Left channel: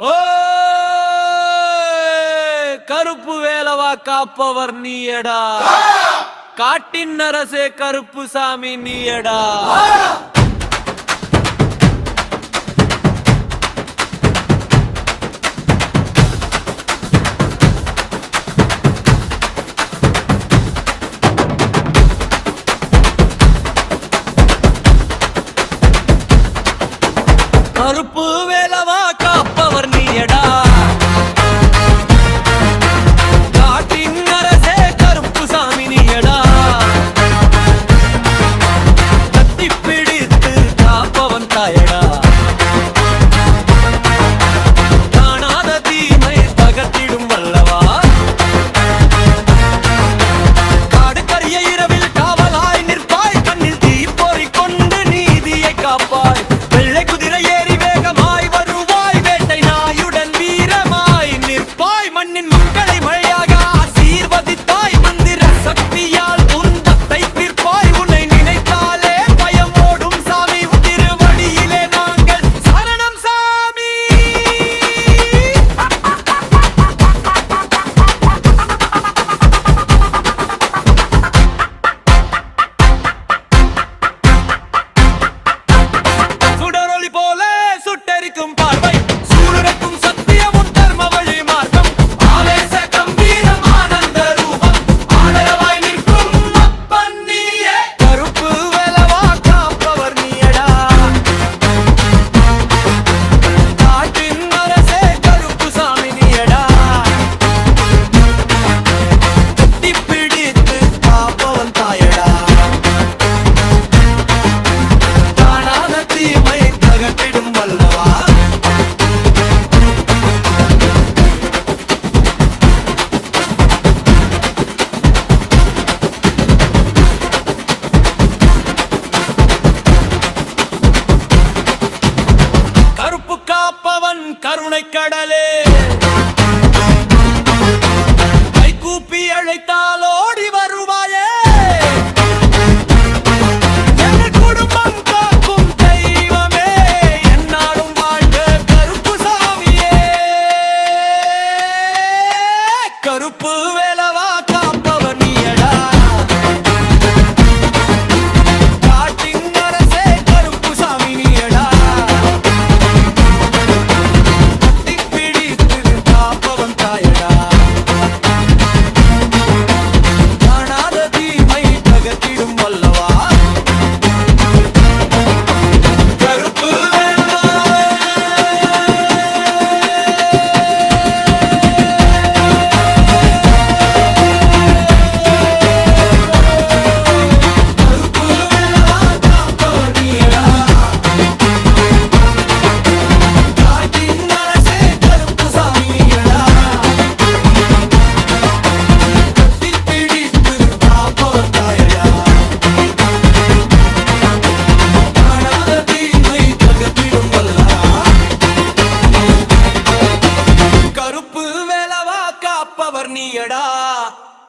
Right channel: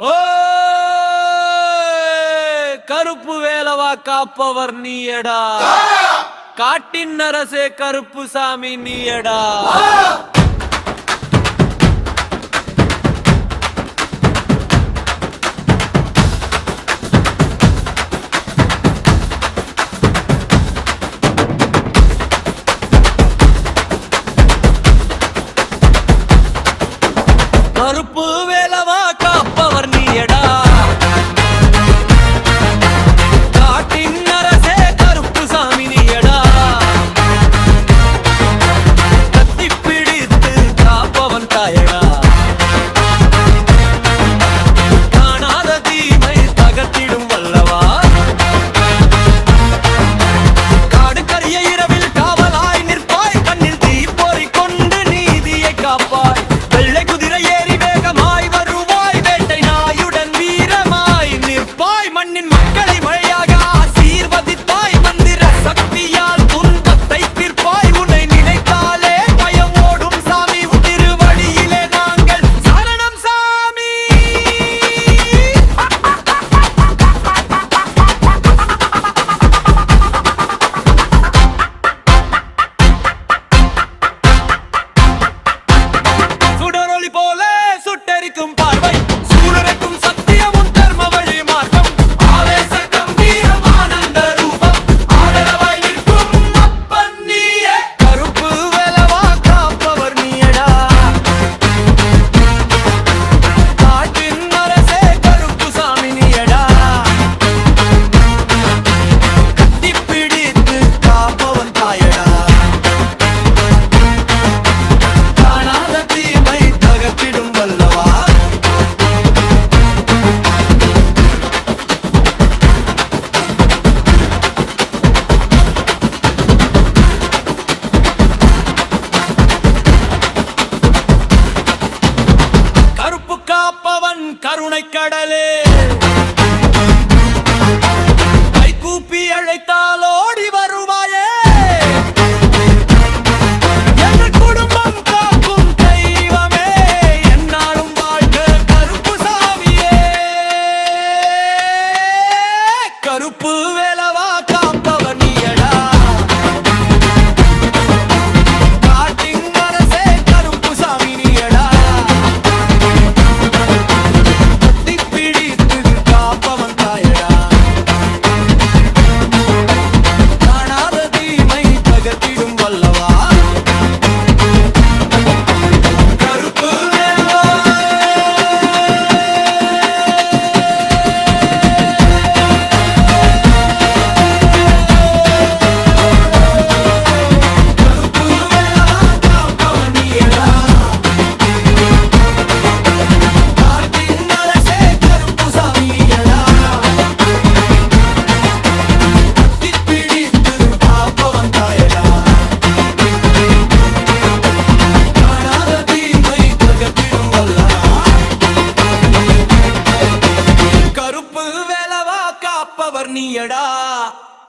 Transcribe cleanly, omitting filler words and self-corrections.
ஓ கருப்பு வேலவா காப்பவர் நீயடா, காட்டின் அரசே கருப்பு சாமி நீயடா. கருப்பு வேலவா காப்பவர் நீயடா, காட்டின் அரசே கருப்பு சாமி நீயடா. கத்தி பிடித்து காப்பவன் தாயடா, காணாத தீமை தகர்த்திடும் வல்லவா. காடு கரிய இரவில் காவலாய் நிற்பாய், கண்ணில் தீ பொறி கொண்டு நீதியை காப்பாய். வெள்ளை குதிரை ஏறி வேகமாய் வருவாய், வேட்டை நாயுடன் வீரமாய் நிற்பாய். மண்ணின் மக்களை மழையாக ஆசீர்வதித்தாய், மந்திர சக்தியால் துன்பத்தை தீர்ப்பாய். உன்னை நினைத்தாலே பயம் ஓடும் சாமி, திருவடியிலே நாங்கள் சரணம் சாமி. சுடரொளி போல சுட்டெரிக்கும் பார்வை, சூளுரைக்கும் சத்தியம் உன் தர்ம வழி மார்க்கம். ஆவேச கம்பீரம் ஆனந்த ரூபம், ஆதரவாய் நிற்கும் அப்பன் நீயே. கருப்பு வேலவா காப்பவர் நீயடா, காட்டின் அரசே கருப்பு சாமி நீயடா. கத்தி பிடித்து காப்பவன் தாயடா, காணாத தீமை தகர்த்திடும் வல்லவா. கருப்பு காப்பவன் கருணை கடலே, கைகூப்பி அழைத்தால் ஓடி வரும்